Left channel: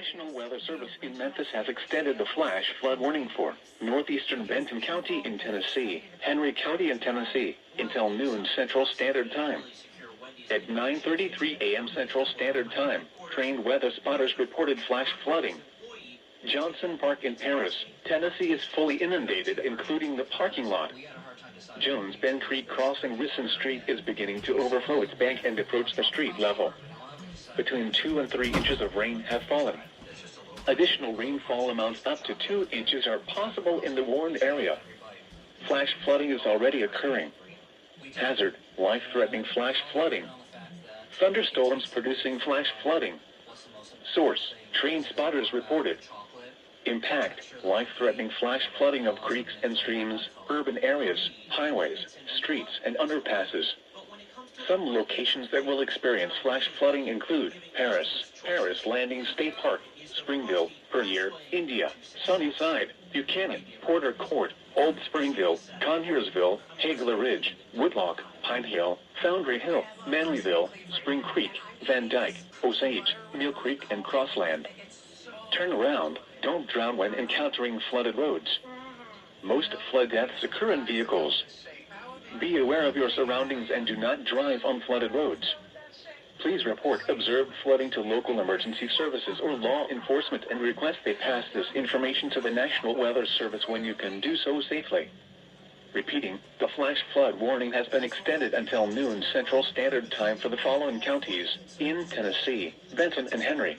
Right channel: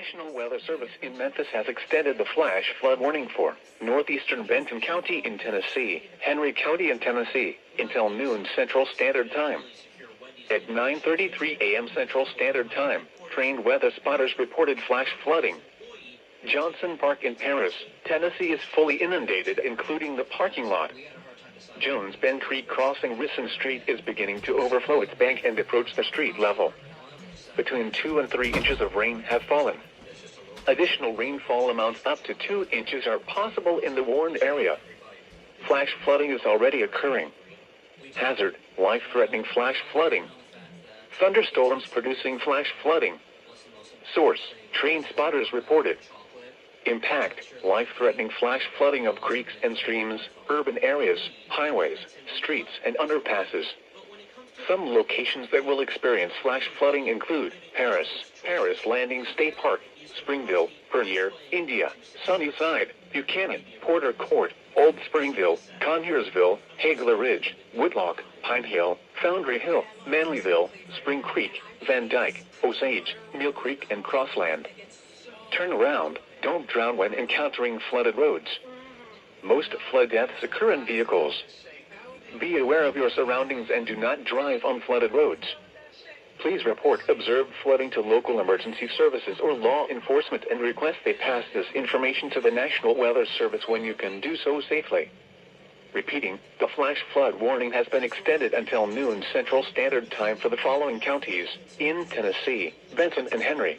National Weather Service in Memphis has extended the flash flood warning for northeastern Benton County in Tennessee, Henry County in Tennessee, until noon Central Standard Time. At 9:33 a.m. Central Standard Time, trained weather spotters reported flash flooding. Johnson Park in Paris, Tennessee is fully inundated, including the parking lot. Jones Bend Creek crossing Risson Street is beginning to overflow its bank and approach the street level. Between 2 and 3 inches of rain have fallen. Additional rainfall amounts up to 2 inches are possible in the warned area. Flash flooding is already occurring. Hazard, life-threatening flash flooding. Thunderstorms producing flash flooding. Source, trained spotters reported. Impact, life-threatening flash flooding of creeks and streams, urban areas, highways, streets, and underpasses. Some locations that will experience flash flooding include Paris Landing State Park, Springville, Pernier, India, Sunnyside, Buchanan, Porter Court, Old Springville, Conyersville, Hagler Ridge, Woodlock, Pine Hill, Foundry Hill, Manlyville, Spring Creek, Van Dyke, Osage, Mill Creek, and Crossland. Turn around, don't drown when encountering flooded roads. Most flood deaths occur in vehicles. Be aware of your surroundings and do not drive on flooded roads. Please report observed flooding to local emergency services or law enforcement and request they pass this information to the National Weather Service when you can do so safely. Repeating, the flash flood warning has been extended until noon Central Standard Time for the following counties in Tennessee, Benton and Henry.